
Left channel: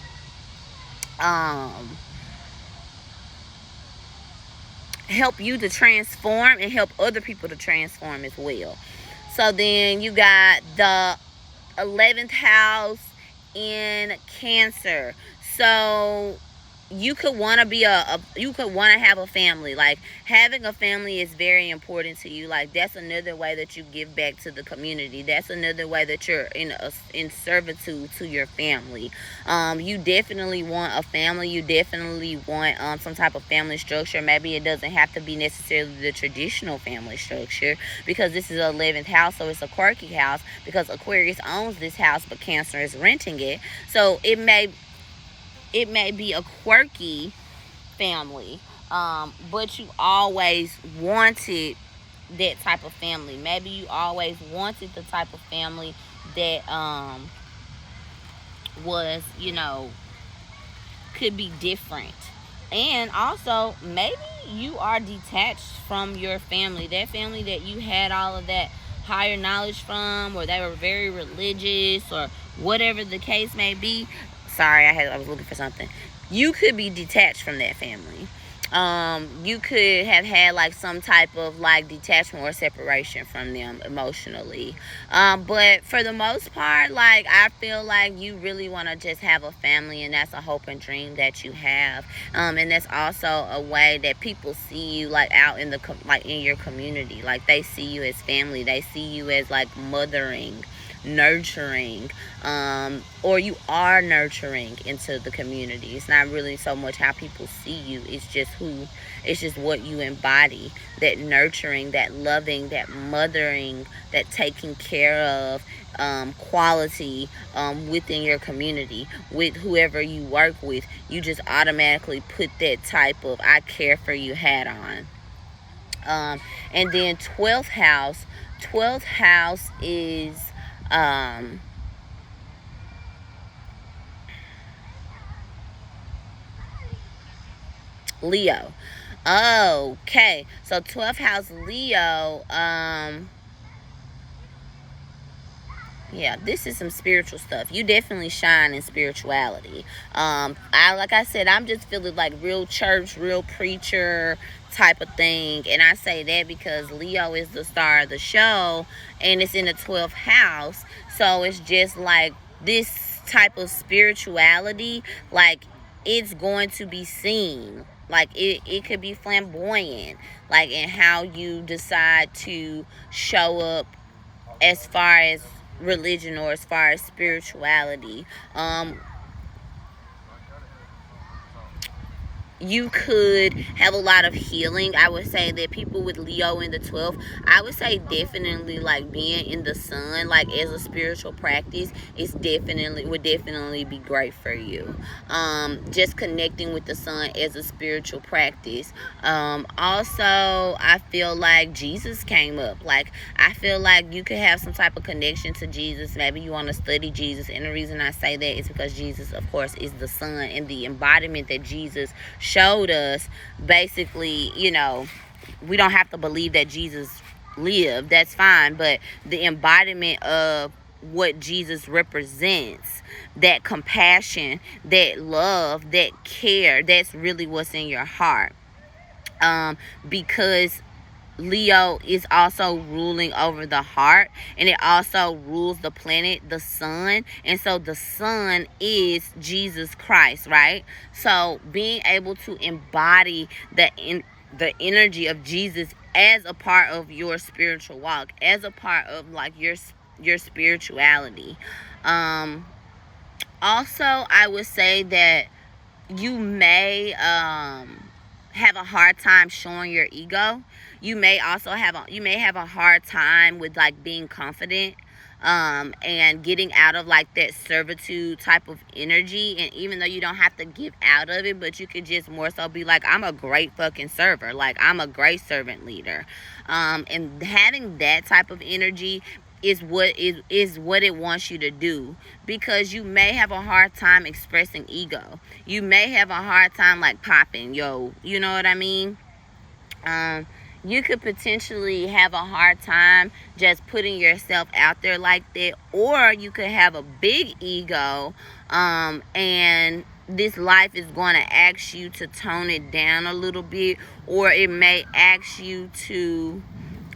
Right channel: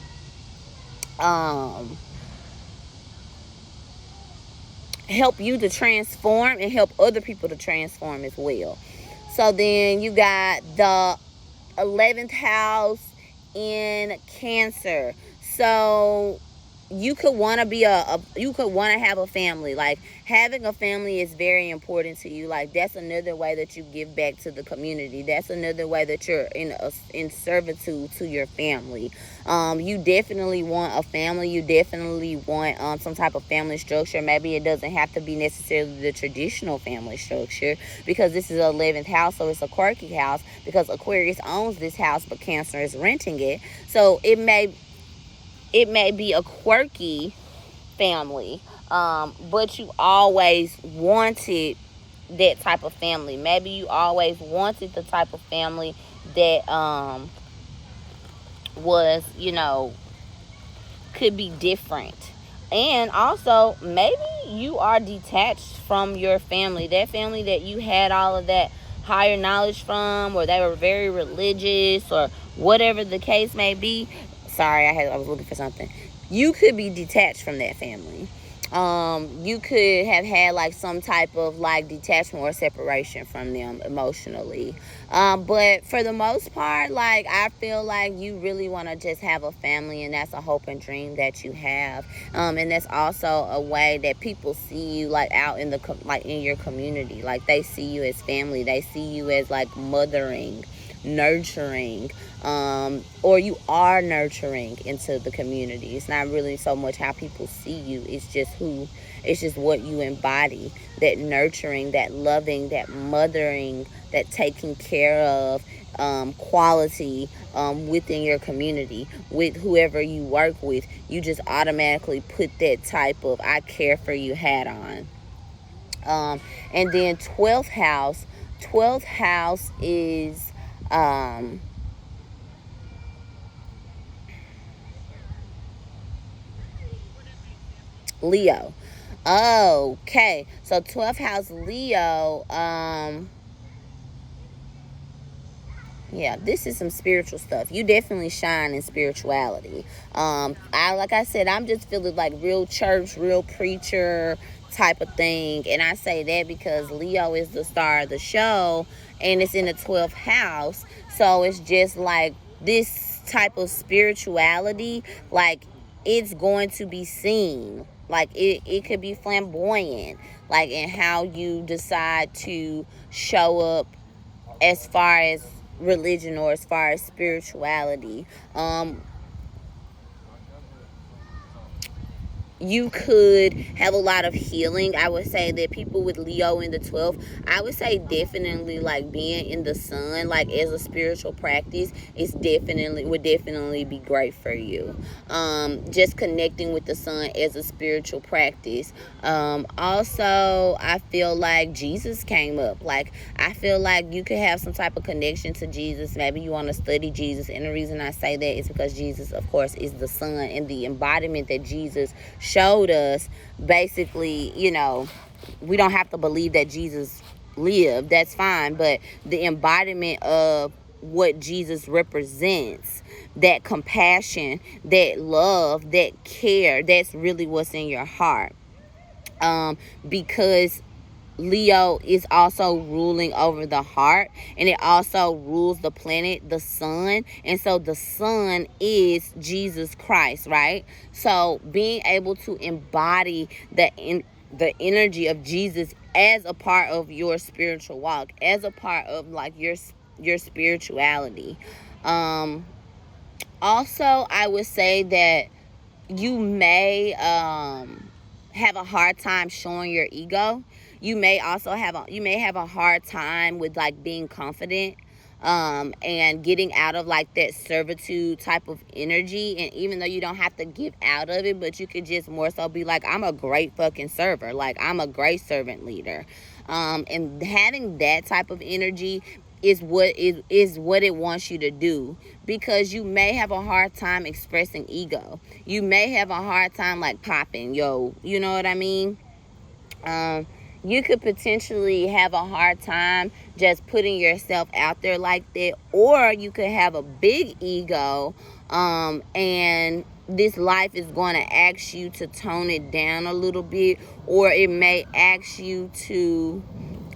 help you to transform and help other people to transform as well. So then you got the 11th house in Cancer. So you could want to be you could want to have a family. Like, having a family is very important to you. Like, that's another way that you give back to the community. That's another way that you're in servitude to your family. You definitely want a family. You definitely want some type of family structure. Maybe it doesn't have to be necessarily the traditional family structure, because this is the 11th house, so it's a quirky house, because Aquarius owns this house but Cancer is renting it. So it may be a quirky family, but you always wanted that type of family. Maybe you always wanted the type of family that was, could be different. And also, maybe you are detached from your family, that family that you had all of that higher knowledge from, or they were very religious, or whatever the case may be. Sorry, I was looking for something. You could be detached from that family. You could have had like some type of like detachment or separation from them emotionally. But for the most part, like, I feel like you really want to just have a family, and that's a hope and dream that you have. And that's also a way that people see you, like, out in the in your community. Like, they see you as family. They see you as like mothering. nurturing, or you are nurturing into the community. It's not really so much how people see you. It's just what you embody, that nurturing, that loving, that mothering, that taking care of, quality, within your community, with whoever you work with. You just automatically put that type of I care for you hat on. And then 12th house is Leo. Okay, so 12th house Leo, yeah, this is some spiritual stuff. You definitely shine in spirituality. Like I said, I'm just feeling like real church, real preacher type of thing. And I say that because Leo is the star of the show, and it's in the 12th house. So it's just like this type of spirituality, like it's going to be seen. Like it could be flamboyant, like in how you decide to show up as far as religion or as far as spirituality. You could have a lot of healing. I would say that people with Leo in the 12th, I would say definitely like being in the sun, like as a spiritual practice, would definitely be great for you. Just connecting with the sun as a spiritual practice. Also, I feel like Jesus came up. Like, I feel like you could have some type of connection to Jesus. Maybe you want to study Jesus. And the reason I say that is because Jesus, of course, is the sun, and the embodiment that Jesus showed us. Basically, we don't have to believe that Jesus lived. That's fine. But the embodiment of what Jesus represents, that compassion, that love, that care, that's really what's in your heart. Because Leo is also ruling over the heart, and it also rules the planet, the sun. And so the sun is Jesus Christ, right? So being able to embody the energy of Jesus as a part of your spiritual walk, as a part of like your spirituality. Also, I would say that you may have a hard time showing your ego. You may have a hard time with like being confident, and getting out of like that servitude type of energy. And even though you don't have to get out of it, but you could just more so be like, I'm a great fucking server, like I'm a great servant leader. And having that type of energy is what it wants you to do, because you may have a hard time expressing ego. You may have a hard time like popping, you know what I mean? You could potentially have a hard time just putting yourself out there like that, or you could have a big ego, and this life is going to ask you to tone it down a little bit, or it may ask you to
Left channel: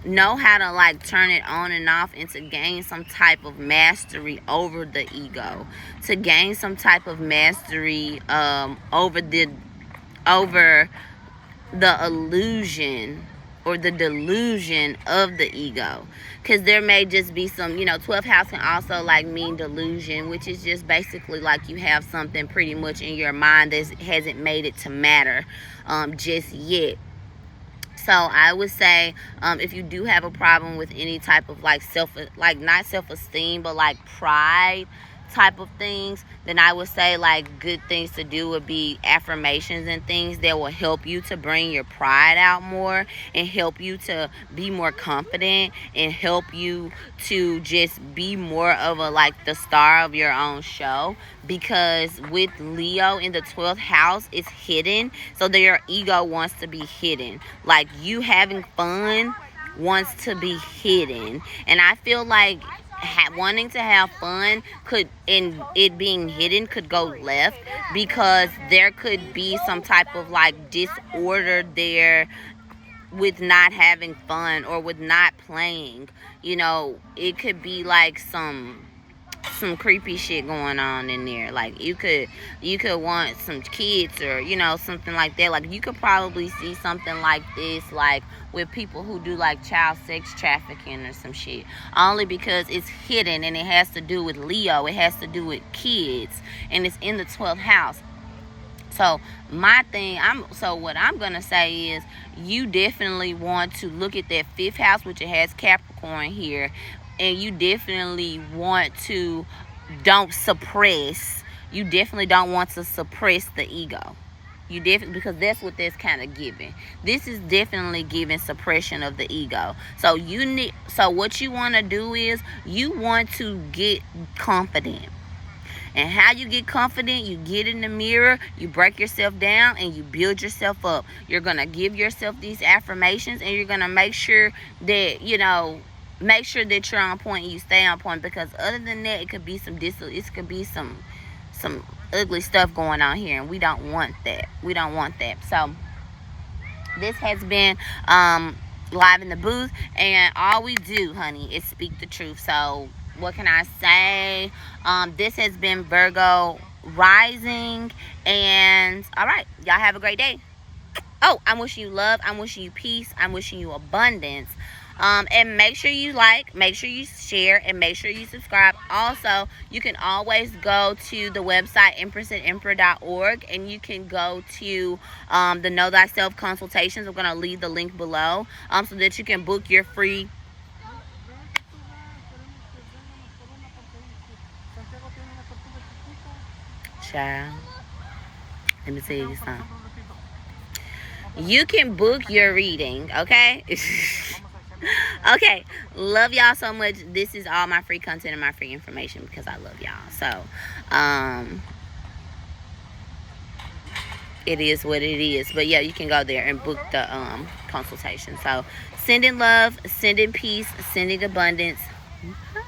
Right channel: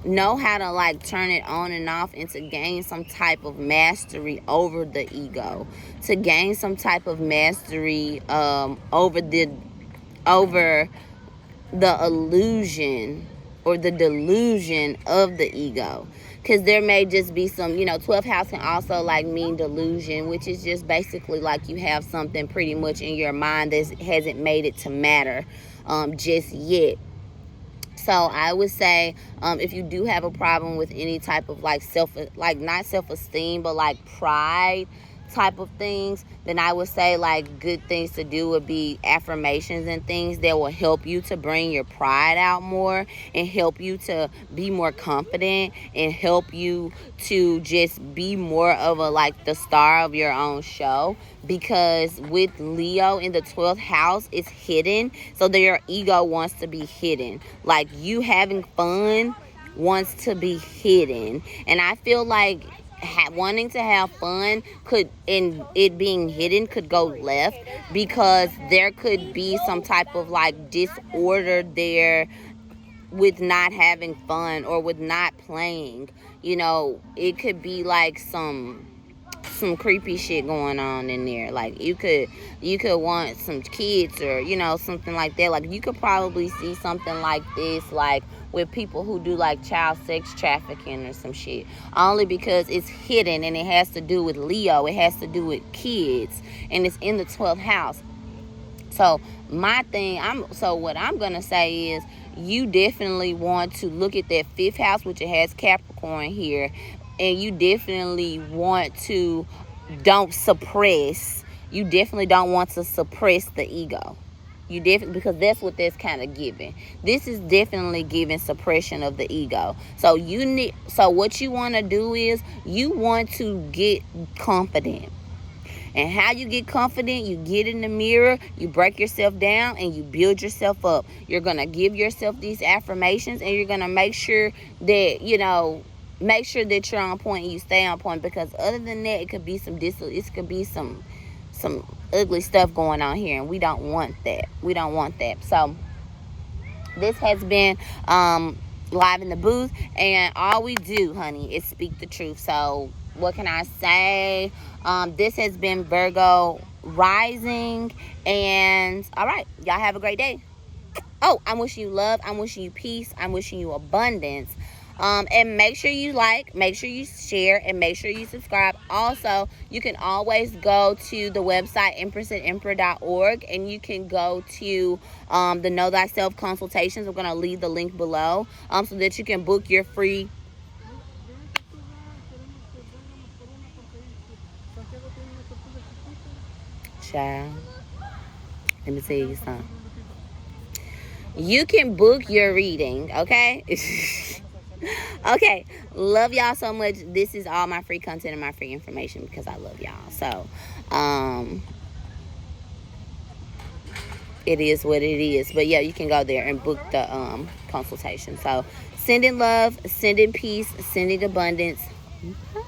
know how to like turn it on and off, and to gain some type of mastery over the ego, to gain some type of mastery over the illusion or the delusion of the ego. Because there may just be some, 12th house can also like mean delusion, which is just basically like you have something pretty much in your mind that hasn't made it to matter just yet. So I would say, if you do have a problem with any type of like not self-esteem, but like pride type of things, then I would say like good things to do would be affirmations and things that will help you to bring your pride out more, and help you to be more confident, and help you to just be more of a like the star of your own show. Because with Leo in the 12th house, it's hidden, so that your ego wants to be hidden. Like you having fun wants to be hidden, and I feel like wanting to have fun and it being hidden could go left, because there could be some type of like disorder there with not having fun or with not playing. It could be like some some creepy shit going on in there. Like you could want some kids, or you know, something like that. Like you could probably see something like this, like with people who do like child sex trafficking or some shit, only because it's hidden and it has to do with Leo, it has to do with kids, and it's in the 12th house. So what I'm gonna say is, you definitely want to look at that 5th house, which it has Capricorn here, and you definitely want to you definitely don't want to suppress the ego. You definitely, because that's what that's kind of giving. This is definitely giving suppression of the ego. So what you want to do is, you want to get confident. And how you get confident, you get in the mirror, you break yourself down, and you build yourself up. You're going to give yourself these affirmations, and you're going to make sure that, you know, make sure that you're on point and you stay on point, because other than that, it could be some ugly stuff going on here, and we don't want that. We don't want that. So this has been Live in the Booth, and all we do, honey, is speak the truth. So what can I say? This has been Virgo rising, and all right, y'all have a great day. Oh, I'm wishing you love, I'm wishing you peace, I'm wishing you abundance. And make sure you like, make sure you share, and make sure you subscribe. Also, you can always go to the website empress@emperor.org, and you can go to the Know Thyself consultations. I'm going to leave the link below so that you can book your free child. Let me tell you something. You can book your reading, okay? Okay, love y'all so much. This is all my free content and my free information because I love y'all. So it is what it is. But yeah, you can go there and book the consultation. So sending love, sending peace, sending abundance. Bye.